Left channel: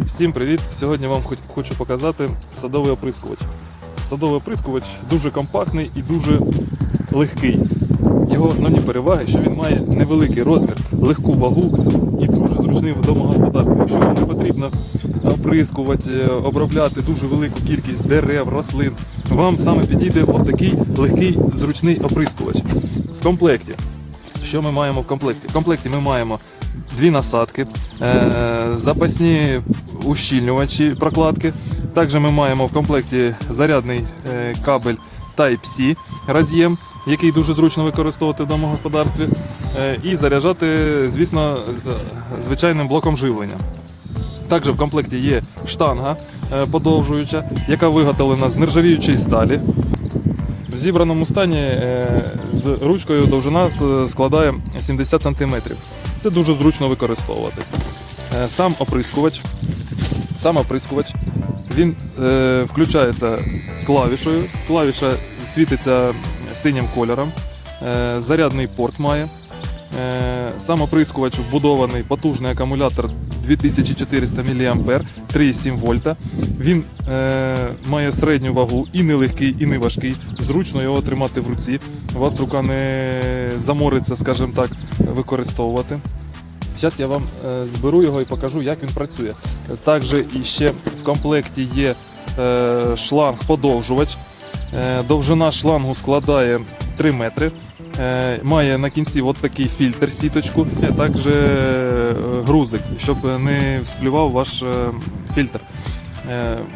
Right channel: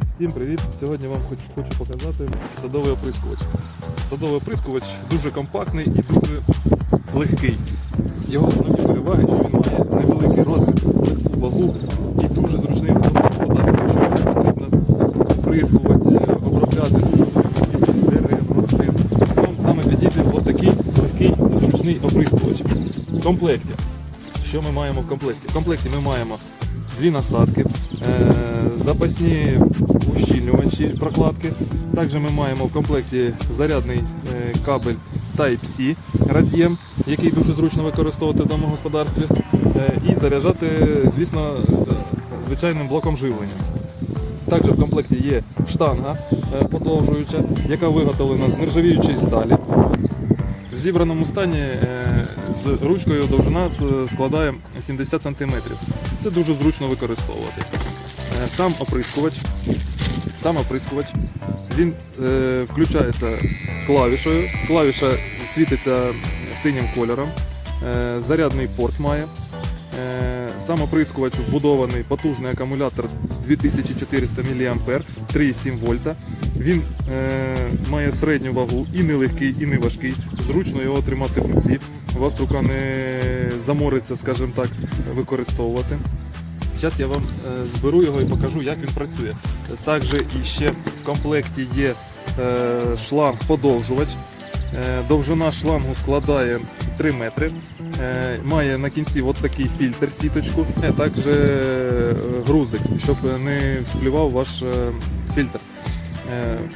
Всім привіт! Сьогодні вам хочу показати садовий оприскувач. Садовий оприскувач дуже компактний і дуже легкий. Його основні переваги, що він має невеликий розмір, легку вагу і дуже зручний в домогосподарстві, що вам не потрібно оприскувати, е, обробляти дуже велику кількість дерев, рослин. Вам саме підійде отакий легкий, зручний оприскувач. В комплекті. Що ми маємо в комплекті? В комплекті ми маємо дві насадки, е, запасні ущільнювачі прокладки. Також ми маємо в комплекті зарядний е, кабель Type-C роз'єм, який дуже зручно використовувати в домогосподарстві, е, і заряджати, звісно, звичайним блоком живлення. Також в комплекті є штанга подовжуюча, яка виготовлена з нержавіючої сталі. В зібраному стані з ручкою довжина складає 70 см. Це дуже зручно використовувати. Е, Сам оприскувач, сам оприскувач він е, включається клавішою. Клавіша світиться синім кольором. Е, зарядний порт має. Е, Сам вбудований потужний акумулятор 2400 мА 3,7 вольта. Він е, має середню вагу і не легкий, і не важкий. Зручно його тримати в руці. У вас рука не замориться, скажімо так, використовувати. Зараз я вам е, зберу його і покажу, як він працює. Також ще в комплекті є е, шланг-подовжувач. Е, Довжина шлангу складає 3 метри. Е, Має на кінці от такий фільтр сіточку, а також е, грузик, щоб не всплював ваш е, фільтр.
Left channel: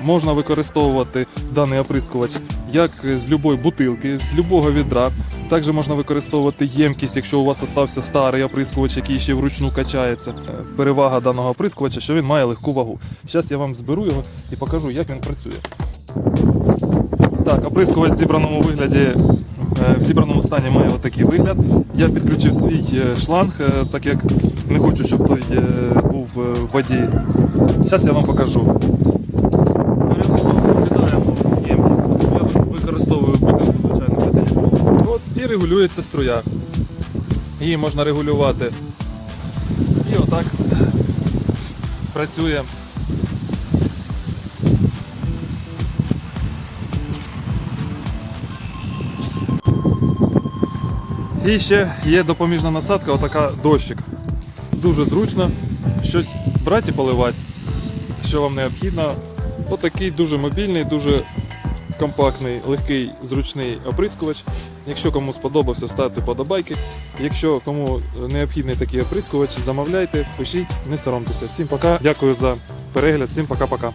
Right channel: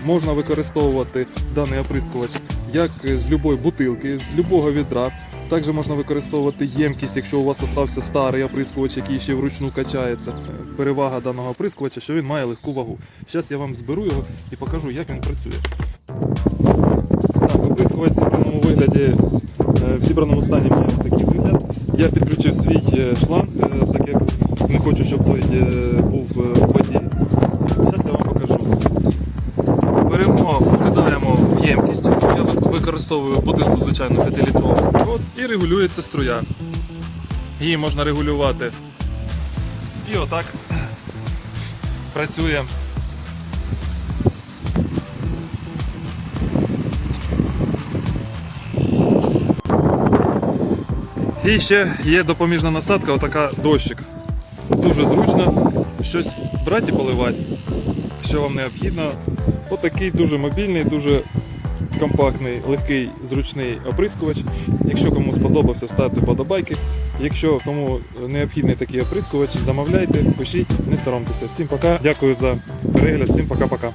Можна використовувати даний оприскувач як з будь-якої бутилки, з будь-якого відра. Також можна використовувати ємкість, якщо у вас остався старий оприскувач, який ще вручну качається. Перевага даного оприскувача, що він має легку вагу. Зараз я вам зберу його і покажу, як він працює. Оприскувач в зібраному вигляді, е, в зібраному стані має отакий вигляд. Я підключив свій е, шланг, е, так як не хочу, щоб той був в воді. Зараз я вам покажу. Беремо, покидаємо в ємкість. Я використовую бутилку, звичайно, 5-літрову. От, і регулюється струя. Її можна регулювати. І отак працює. І ще є допоміжна насадка, отака дощик. Дуже зручно щось брати і поливати, що вам необхідно. Отакий дуже мобільний, дуже компактний, легкий, зручний оприскувач. Якщо кому сподобався, ставте подобайки. Якщо кому необхідний такий оприскувач, замовляйте, пишіть, не соромтеся. Всім пока. Дякую за перегляд, всім пока-пока.